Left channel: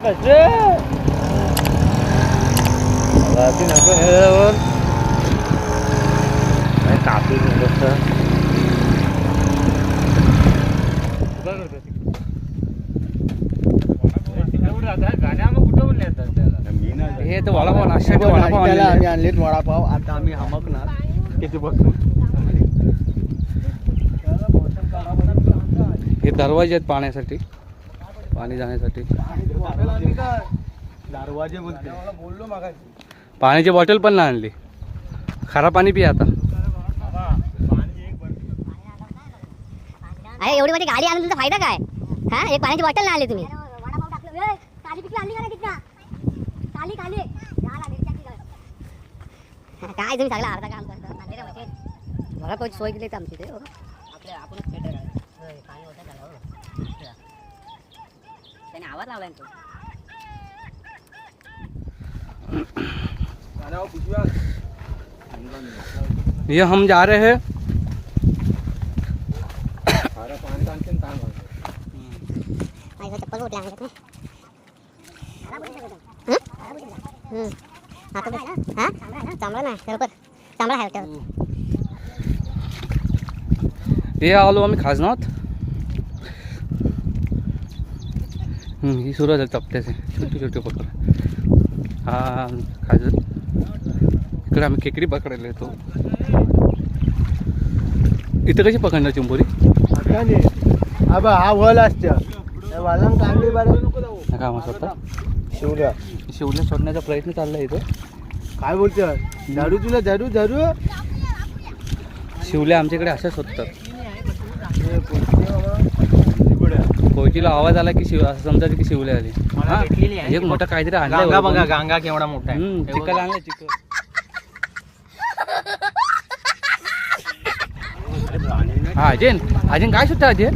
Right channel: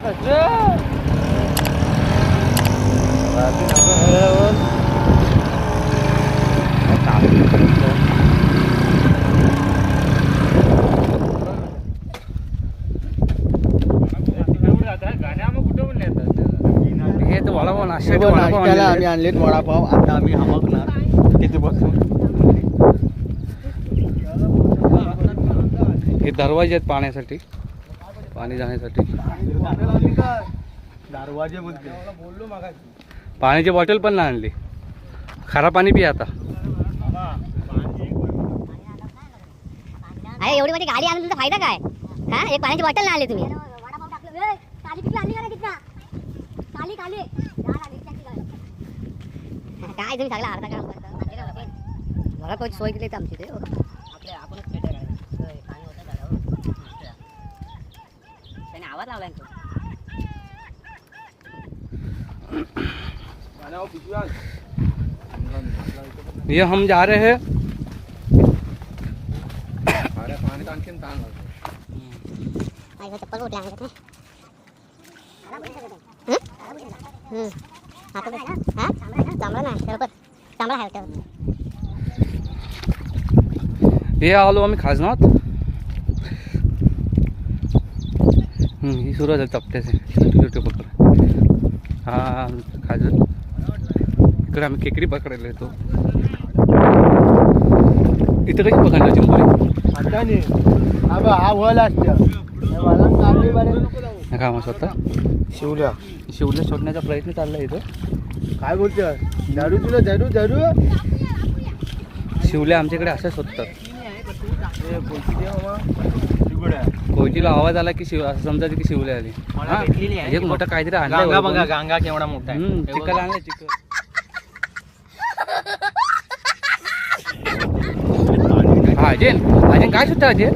हे तर वडापाव नाश्त्याचे वडापाव आणलेत वडापाव. आता आम्ही हवकणार किती बघ. हे दरवाजे आहेत पाण्यासाठी, पाणी जाण्यासाठी. दरवाजे बोललो मागा. पाण्याची बॉटल पण नाही आणली. खारा पाणी पी आता. अरे एवढी मोठी गाडी आणून तुमचा फायदा काय? हा, एक पाण्याची बॉटल नाही आणली तुम्ही. काली पिकली आणली का रे कितना? काली काली काय तुम्ही सगळं अर्धा काम करता. मला कोण सोय केली आमची ते आपले आपणच थिएटर आहे. पाणी होतं झालं त्याने आवाज लावलाय तो. ये हम जा रहे हैं. चप्पल उठल्या हे आलो आम्ही खाजनात. ही सुरुवात आहे टप्प्याचे, छोटे छोटे पकड. हा खाजन. इकडे आम्ही खेकडी पकडायला येतो. इथं कशी पकडणार चिंबोरी? हा वल असतं काम स्वतः शिवल्या शिवल्या सोडण्याचा प्रयत्न चाललाय इथं. काय बोलतोय? झाडू तुला झाडू झाडू. शिवल्या आमच्याकडे अशा शोधतात. कोयतीला आवाज आला की असं समजायचं की शिवल्या आली. हा, एक मोठा काहीतरी आणलाय बघा. गांगा केवढा मोठा आहे. चिकन आणलंय चिकन. हा अजयन काय सुद्धा अजय?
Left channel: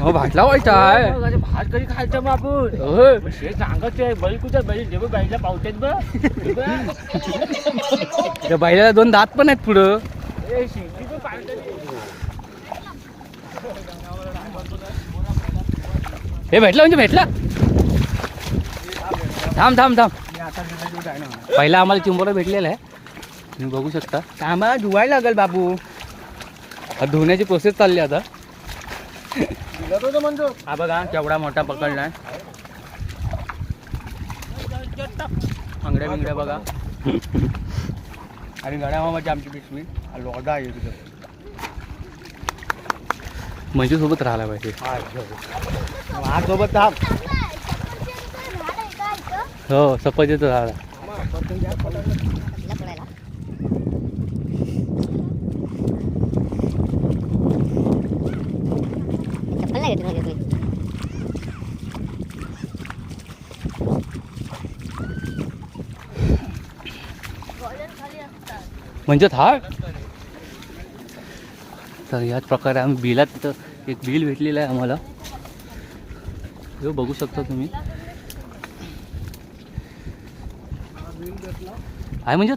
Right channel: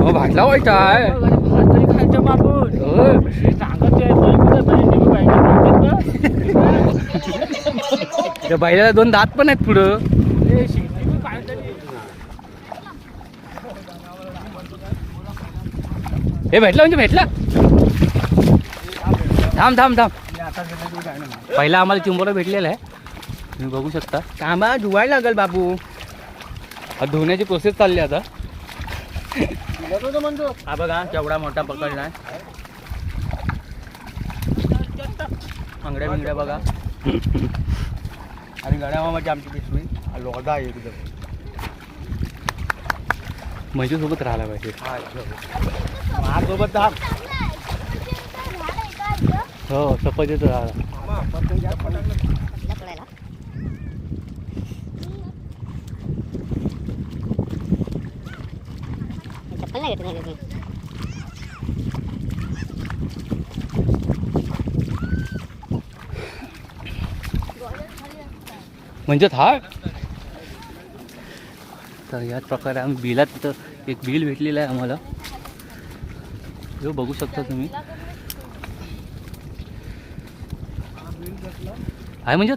हो भात लावायचा आहे. भात तरी खायचं बापून. सांगायचं त्या बैलाला 2 दात पण आहेत पुढं. हे भेटला म्हणजे भेटला. थांब थांब थांब. पहिला आम्हाला चिंबोरा भेटलेला आहे, तुम्ही बघू शकता. आम्हाला धुवायला लागेल बाबू. धुण्याची प्रोसेस चालली आता. हा बघा केवढा मोठा पकडलाय. आंगड्या बिंगड्या बघा. आणि गड्यामामाची आमची पिशवी लोदा आहे तिथं. मंजू सोबत राहायला पाहिजे. सोबत हो सफाईच राहायला. म्हणजे थाट. तर याच प्रकारे आम्ही बिलात तिथं एक बिल भेटलेलं आहे आम्हाला. हे बघू शकता तुम्ही. आहे म्हणजे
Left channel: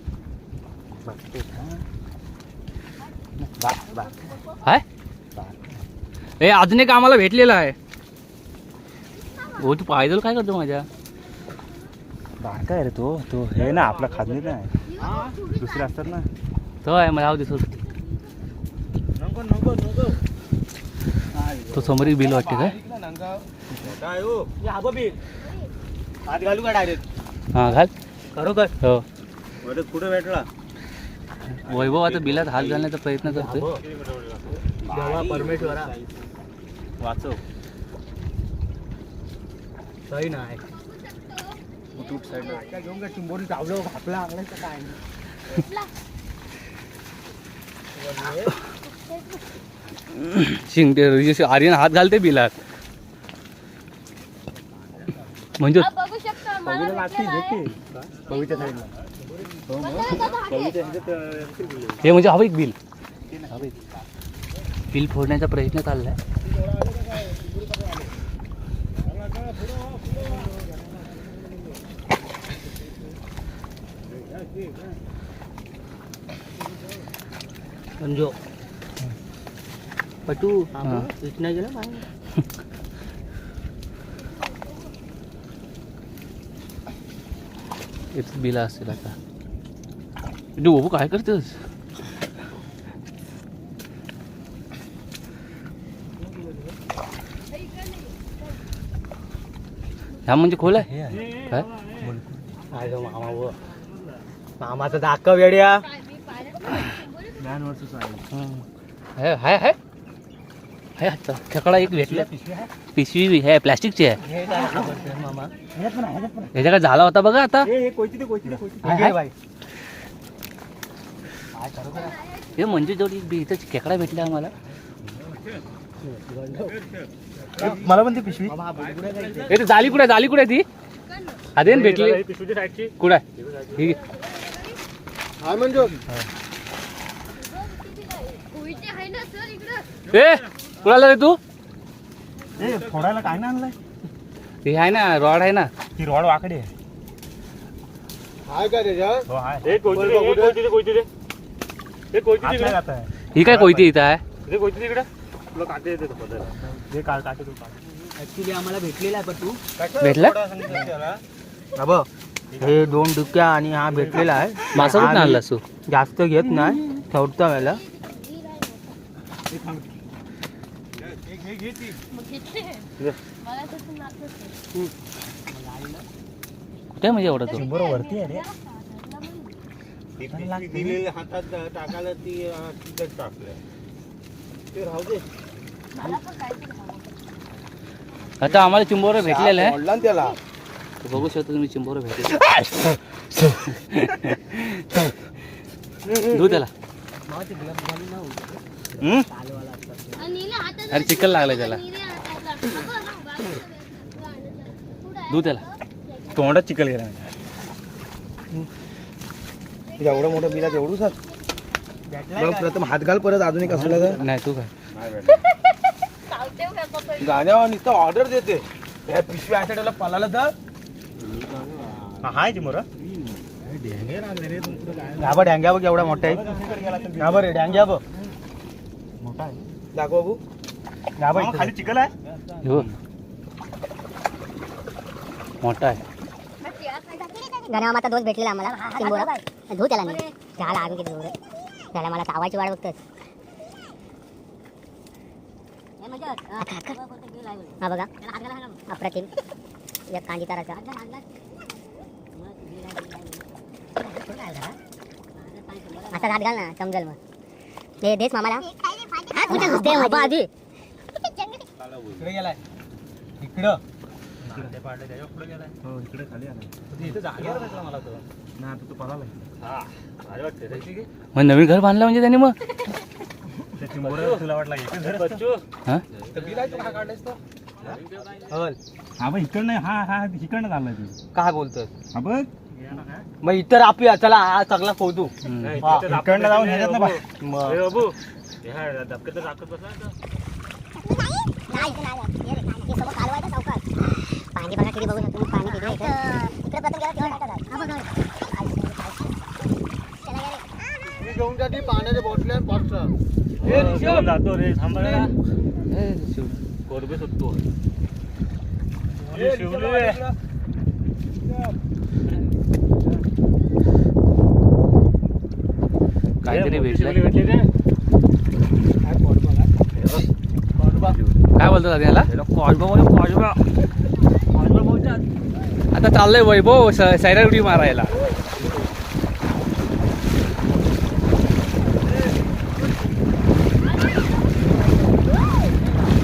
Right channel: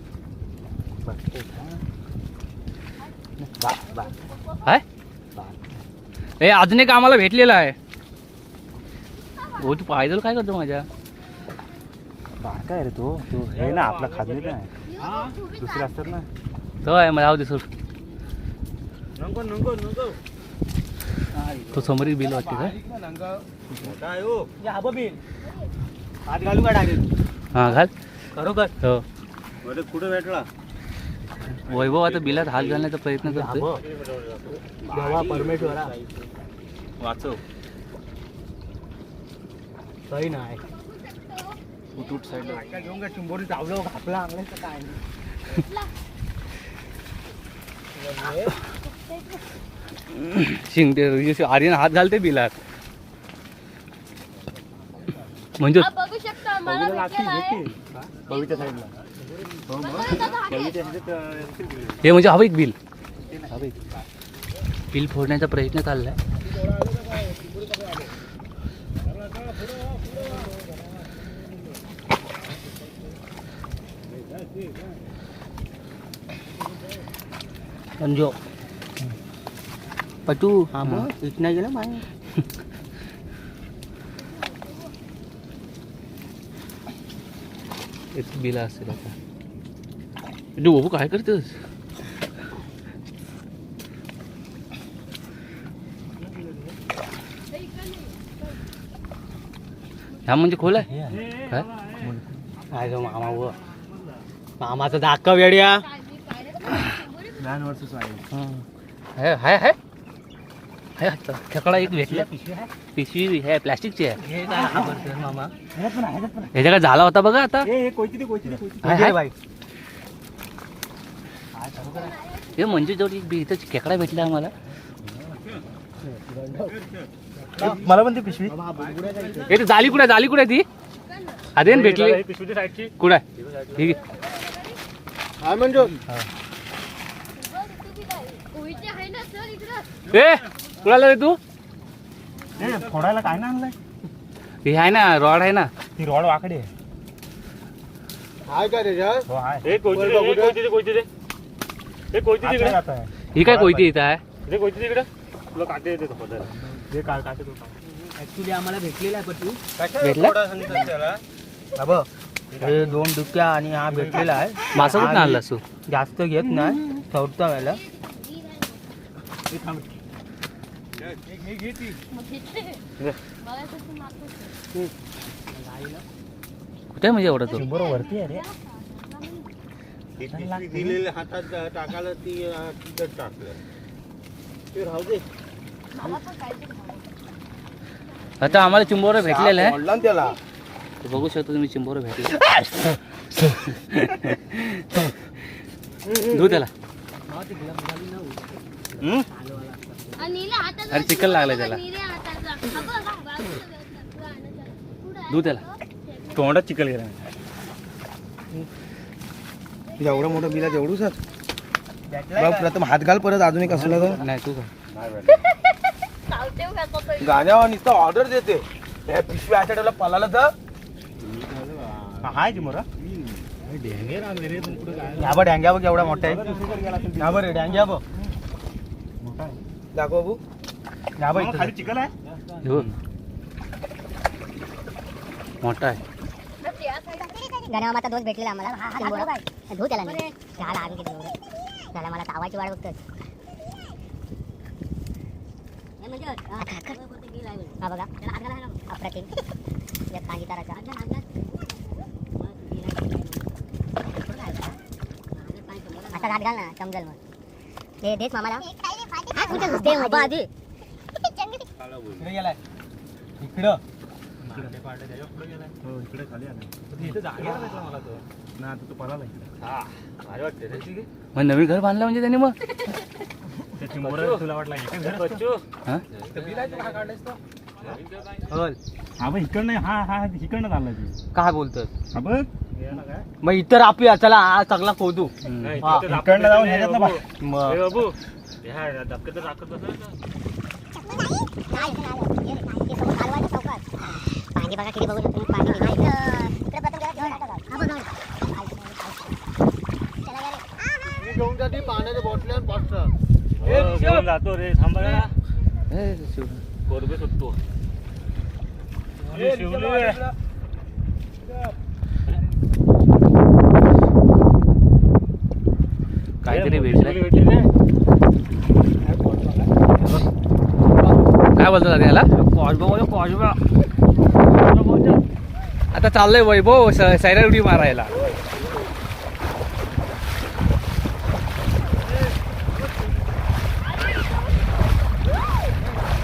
हाय. ए अजून एक आम्हाला भेटलेला आहे. हो तू पायदल काय करतो माझ्या? काय रे तो हे ना आपला खादनी काय दुसरे असतात ना. तो आहे मला दिसत. तो समोर बिल वाटते काय? घालू का डायरेक्ट? हा घाल. खरोखर हो. कुठं भेटला वैभव आता बिलात हात घालण्याचा प्रयत्न करतोय. देवा परमेश्वरा वाचव. सही नाही घेऊन का चिंबोरी चावलं घापला अंगणाचं काय शिंगते आर्यन हात घालते बिलात. म्हणजे बघीच्या साईडला हे म्हणजे हवं एक बिल. बिल फोडण्याचा प्रयत्न चाललाय. पटू इतना गेला माय. इथं बिला असेल आता. बाबू काय करतोस? हा म्हणजे खोल आहे काय? काय जो मामा व मामाचा दाखव वेड्या. हाय हाय हाय हाय आता खेकडा एक भेटला. पिशवी आहे प्लॅस्टिकची आहे. ह्याच्याकडे झाला होता बघा आता. हाय हाय हे म्हणजे जवळ इथं खेकडा भेटला आम्हाला. मला पण ती पिशवी. हे जाली कुठे जाली कुठे ती आधीन भेटली कुठे ठीक आहे. कुणाला रे तू? फोडायला काय ना आणलंय? हे आहे ना रॉड आहे ना. ती रॉड वाकडी आहे. हो आहे. ही काय कोयती इथं आहे? ऍक्च्युली आम्हाला भेटलेला आहे तू भेटला हे 2 डुक्या आणि हा भेटलेला आहे. मासा कुठं आणलास तू? जास्त घेत नाही चौथ्या वेळेला. कुठे म्हणजे एवढं तो? बरोबर वरती आहे रे. दिलेल्या हातात टाकायला ती तिथं टाकलं ते राहू दे. आता आम्हाला चिंबोरं भेटलेलं आहे. ओढला ना त्याला. ते बघू शकता तुम्ही चिंबोरं भेटले. धू त्याला. अरे चिकल लागलाय त्याला. धू त्याला. तोंडात चिकल गेला. एवढं मोठं बिला एवढूच प्रथम हात घाल परत अजून एक असलं नाही तू का गाण्यावर नुसतं ऑर्डर देते. हे पिशवी अशा टाईपला पळाला तर हाय ती मोरा ढेंगे लागले रे. ढाबा ढ्यांग्या बघ एवढा मोठा आहे. ढाबा रे ढ्यांग्या बघ दाखव बाबू. ढाबा इथं खाली चिकन आहे. धू. मोठा आहे. गणामाता दोष भेटलेला आम्हाला. धू त्याला मी त्याला आम्ही किती एवढे त्याला मला चावायची वाट बघतोय. हा बघा अप्रतिम या कांजी ताराचा असा हात घाल ना समजेल. मग ते देश मामाला आधी इकडे गेलाय. इकडं हो इकडे खाली आलाय. ना आता तू पळाला इकडे. मग नवीन घर बांधलं म्हणजे त्यांनी मग त्याची मोर तुला वाटला एकच घर हा हा बघ इकडनं हा हा इकडनं चाललाय तू. काय बोलतोय? हा बघ मग इतर आपली चला हा सगळा खोदू. इकडनं जाऊन ह्याच्यात ना बाबू पाणी बघा किती बघू शकतो. पाणी घेऊन जाते पाण्याच्या बॉटल्या पाच. जातो रे थांबा कोरबे सुटतो. काहीतरी भेटलं. काय बोलतो दादा याला? आता चाललंय वैभव सायरा उडी मारायला.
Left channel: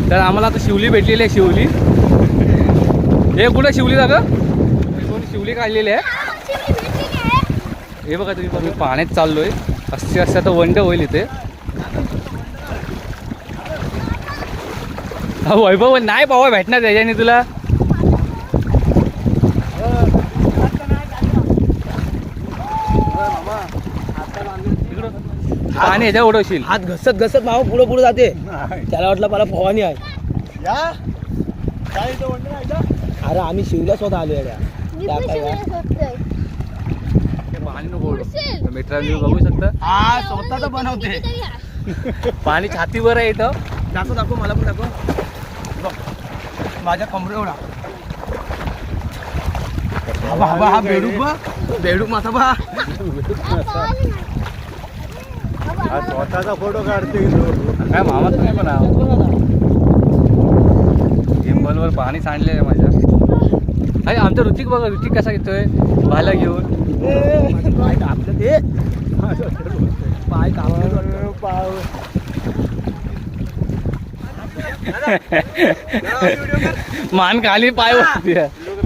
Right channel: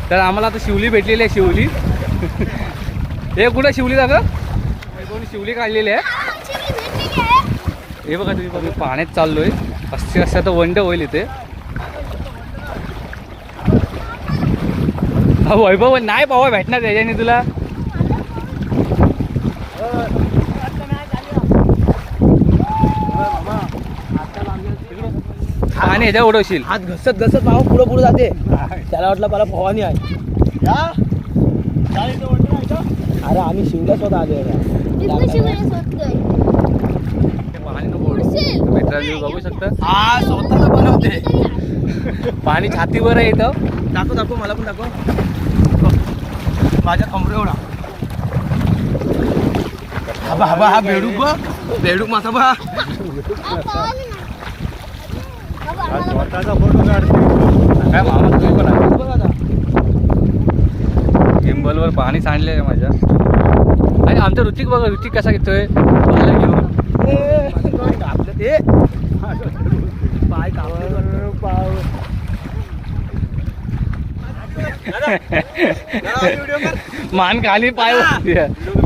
तर आम्हाला आता शिवली भेटलेली आहे. शिवली हे कुठं शिवली जागा कोणी शिवली काढलेली आहे. हे बघा तुम्ही पाण्यात चाललोय. असे असं तर वंड होईल इथे. हा वैभव नाही बाबा भेटणार त्याच्याने तुला. पाणी ह्याच्या उडवशील. हात घसत घसत भाऊ पुढे पुढे जाते. त्याला वाटलं मला फवानी आहे. अरे आम्ही शिवला स्वतः आलो पाणी नको ओढू. मित्रांनो बघू शकता पाणी छातीवर आहे इथं. दाखव दाखव मला पण दाखव. माझ्या कमरे एवढा बाबा हा बेडूक मासा बा हा स्वतःचा फोटो काढतो. काय मामा तुम्ही पण गिंबलवर पाणी सांडले माझ्या. आणि आमचा ऋतिक बघा, ऋतिक कसा घेतोय पाहायला घेऊन. पाय कापलं ते पाय कापलं मान खाली पाय वरती आहे.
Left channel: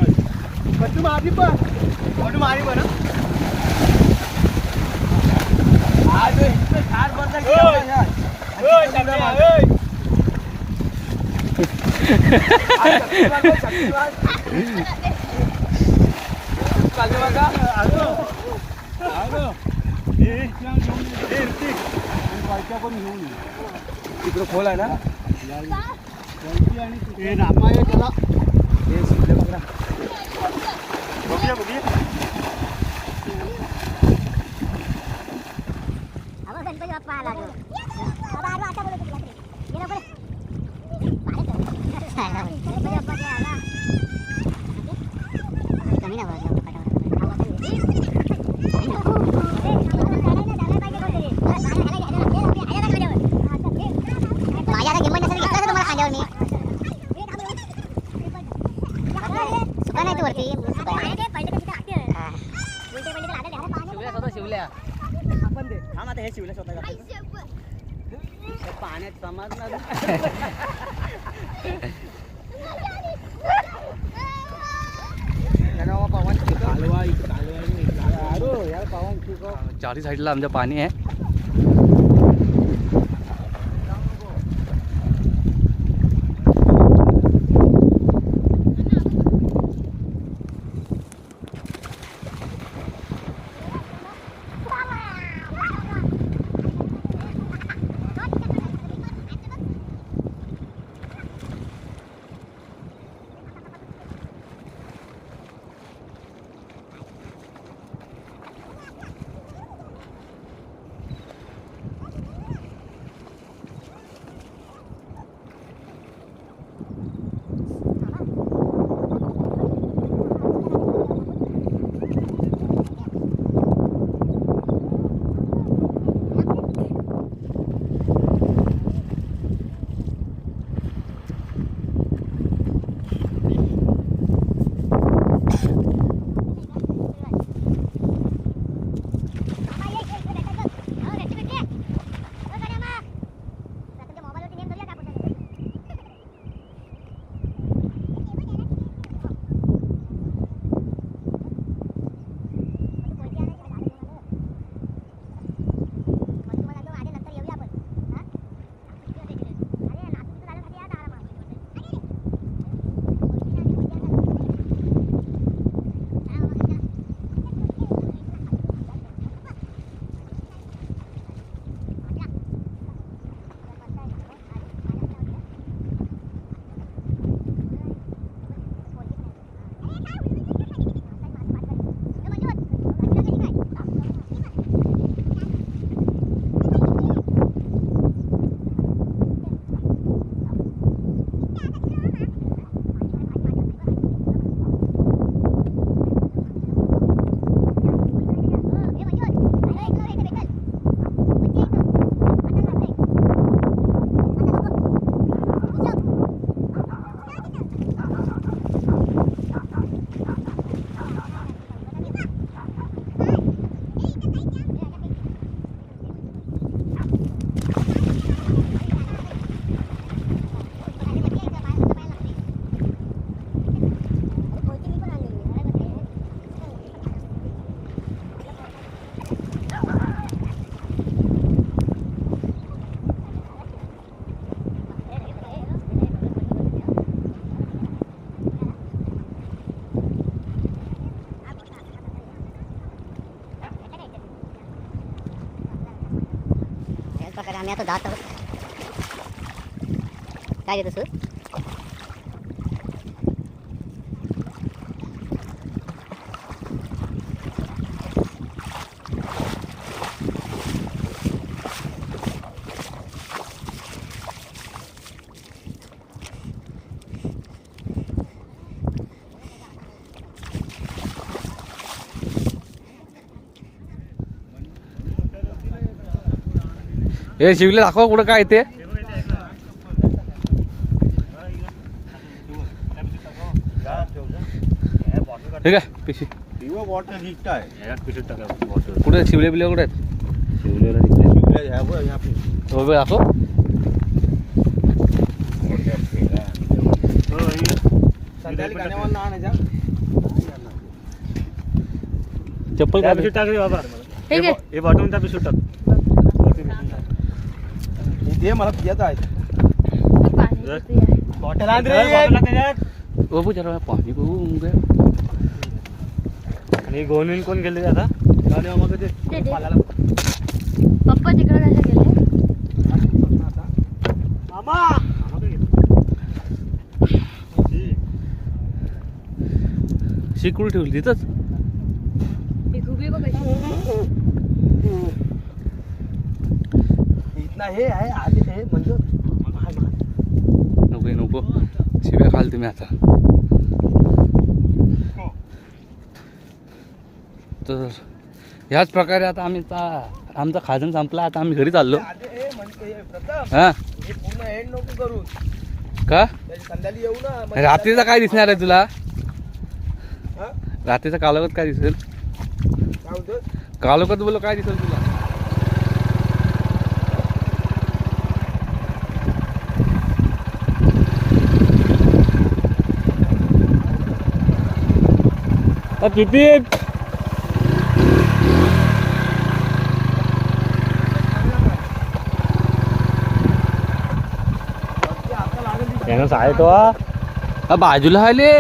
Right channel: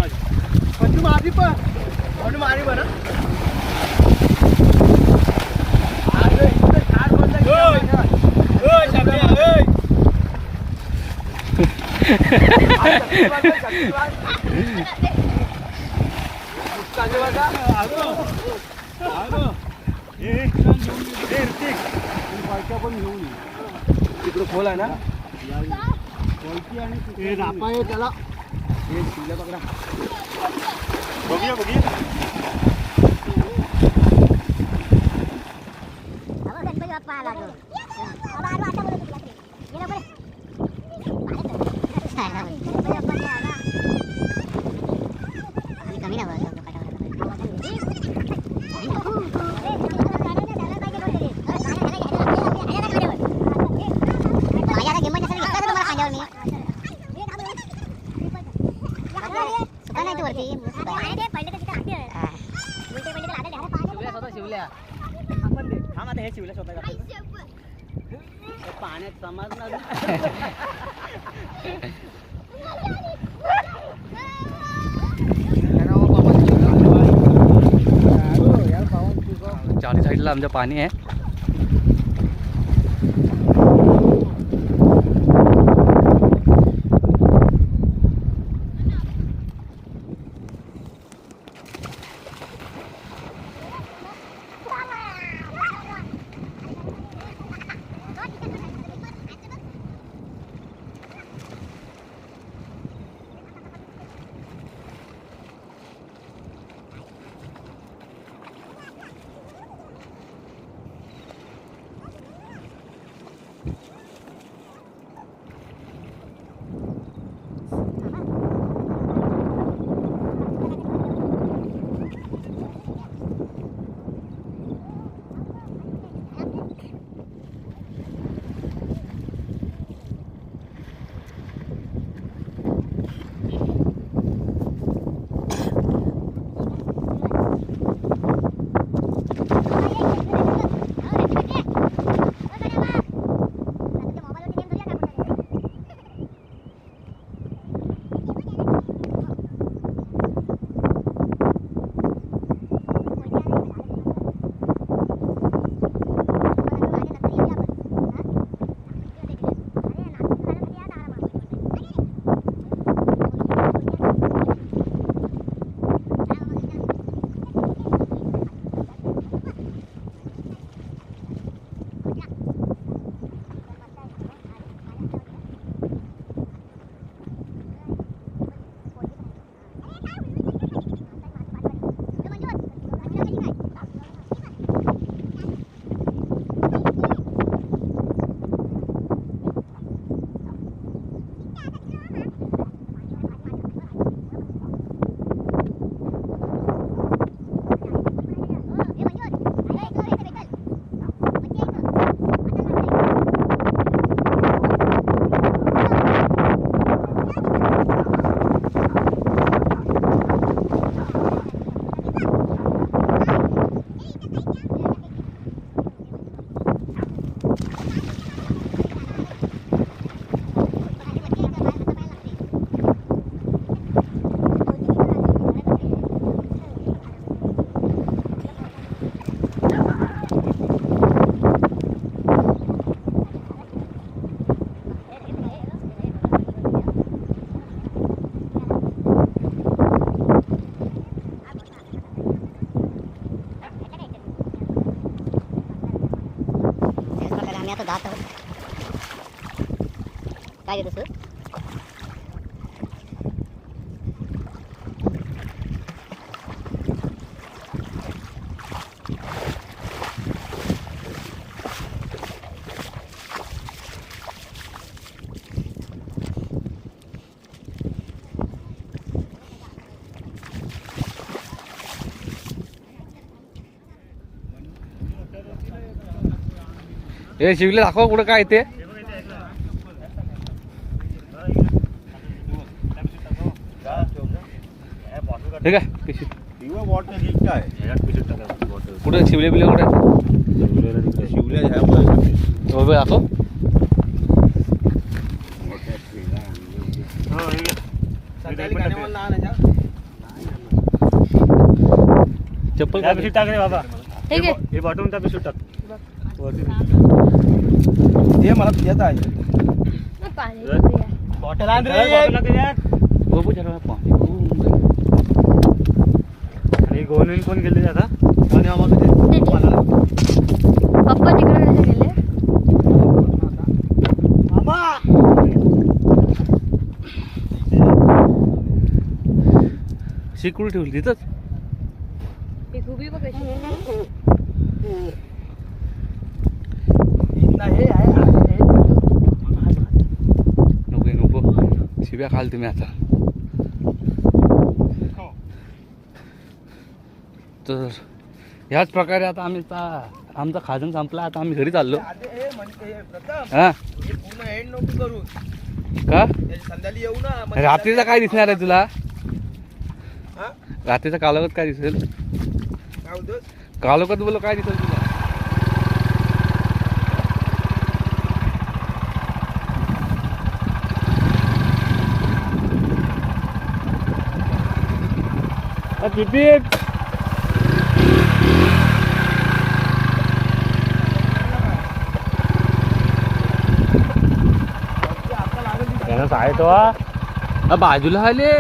तिकडे खोल आहे ना त्याला गणपती बाप्पा आला तो. बाबा आलो आता बोलत तुला ये नको कमी ना माझ्या गिंबल नसेल दिसला तुम्हाला खांद्यावर मी सुका नाही तू वरती शिवल्या आपण दे थांब आता हे शिवल्या स्वतः पाण्यात समजणार चारी साईडला आमचं पाणी आहे. आम्ही आता जात आहोत. काय घेतो सर? हे शिवले दाखवा कुठं काय ते. हे काय पिशी किंवा वॉटर ही काय कुठे शिवले बिले कुठे आहेत? शिवल्या ह्या हो बे दाखव. चप्पल काय टाक रे बाबा. ठीक आहे. हे बॉटल त्या पिशवीत टाक. हे मला पियाचं आहे बॉटल आण रे. हो बो जरा पाणी आणि गोवून कोण गेले आता? पप्पा तिकडे कसं गेले? शिकून ठेवली तिथंच. ही खुबी बघ कशी. नको नको शिव्या खाल तुम्ही आता. तर ह्याच प्रकारे आता आम्ही आमचा खाजन संपला. आता आम्ही घरी चाललो. हा पूर्ण एंड नको करू का संध्याकाळी येऊ ना. रात्रीचा काय दिसणार आहे तुला? हा? रात्रीचा कालोखात काय दिसेल? काय होतं कालोखात बोलो काय दिसेल तुला? किती आहे तो बाजूला आले.